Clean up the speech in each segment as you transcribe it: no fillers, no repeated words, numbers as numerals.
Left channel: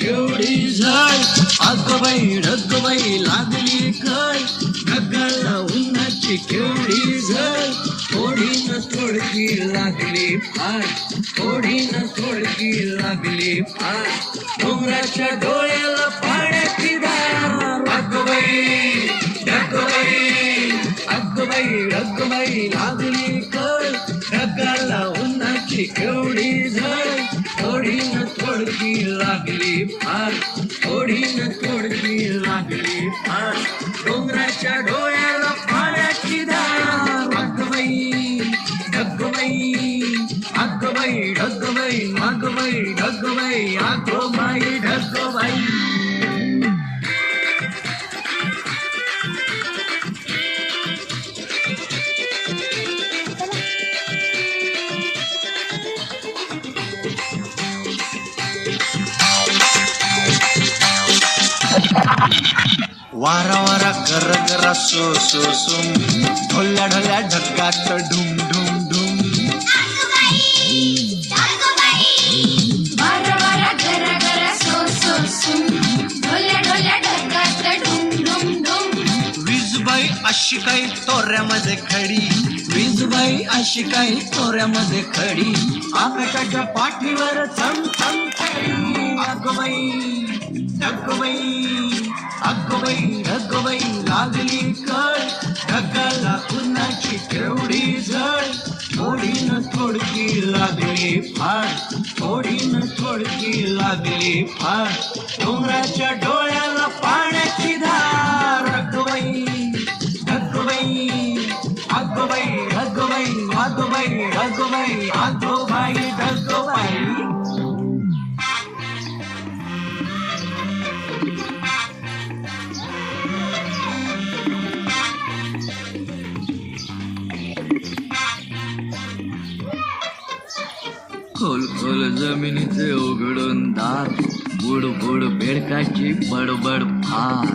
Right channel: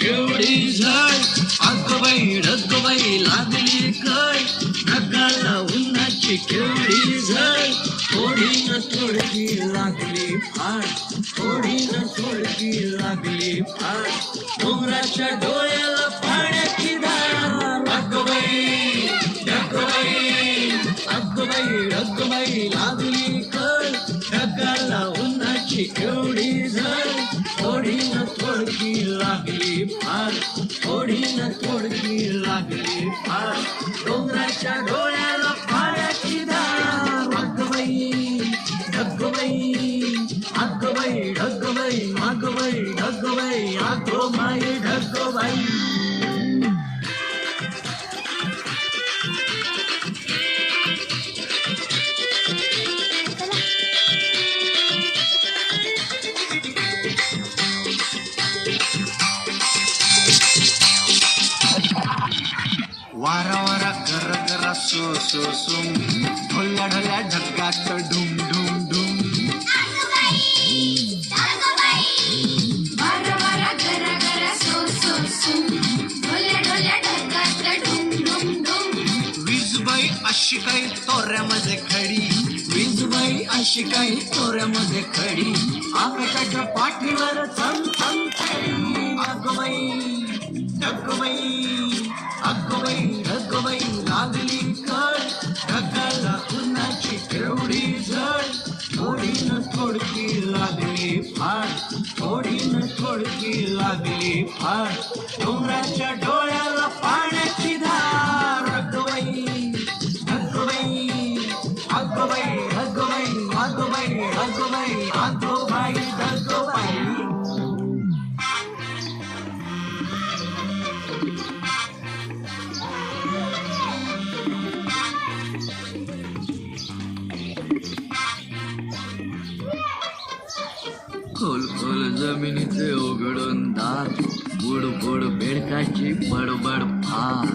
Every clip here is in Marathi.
केवढी झळ अगबाई लागली काय ढगाला उन्हाची केवढी झळ थोडी न थोडकी लागली फार थोडी न थोडकी लागली फार डोंगराच्या डोळ्याला पाण्याची धार अगबाई अगबाई लागली काय ढगाला उन्हाची केवढी झळ थोडी न थोडकी लागली फार थोडी न थोडकी लागली फार डोंगराच्या डोळ्याला पाण्याची धार अगबाई ढगबाई नागबाई ढगबाई आगोबाई ढगबाई वारा वारा गर गरा सो सो सुम ढोल्या ढोल्या ढगात ढुम ढुम ढुम वारा वारा गर गर सो सो सुम ढोल्या ढोल्या ढगात ढुम ढुम ढुम वीजबाई अशी काही तोऱ्यामध्ये खडी वीजबाई अशी काही तोऱ्यामध्ये खडी आकाशाच्या पाठीवर चम चम खडी अगबाई लागली कळ ढगाला उन्हाची केवढी झळ थोडी न थोडकी लागली फार थोडी न थोडकी लागली फार डोंगराच्या डोळ्याला पाण्याची धार अगबाई ढगबाई खोल खोल जमिनीचे उघडून दार बुड बुड बेडकाची बडबड फार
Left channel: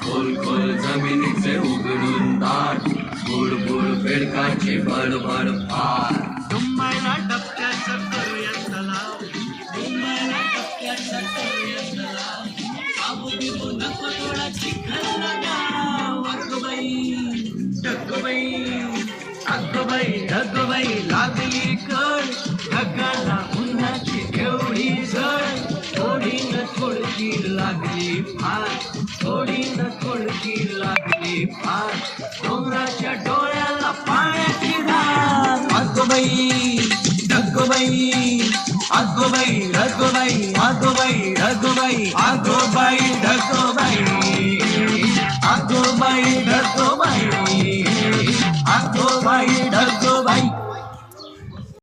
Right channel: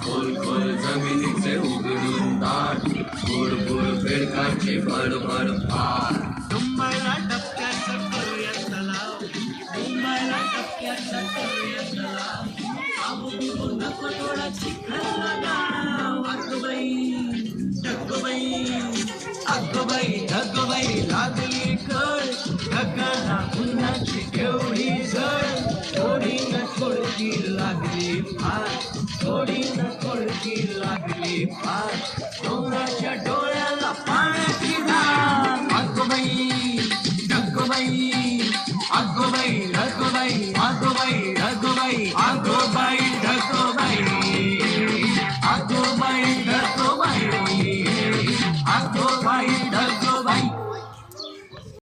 खोल खोल जमिनीचे उघडून दार बुड बुड बेडकाची बडबड फार मुंबईला डबक्याचं करूया तलाव मुंबईला डबक्याचं करूया तलाव आबूबिबू नको थोडा चिखल गाव ढगबाई लागली कळ ढगाला उन्हाची केवढी झळ थोडी न थोडकी लागली फार थोडी न थोडकी लागली फार डोंगराच्या डोळ्याला पाण्याची धार अगबाई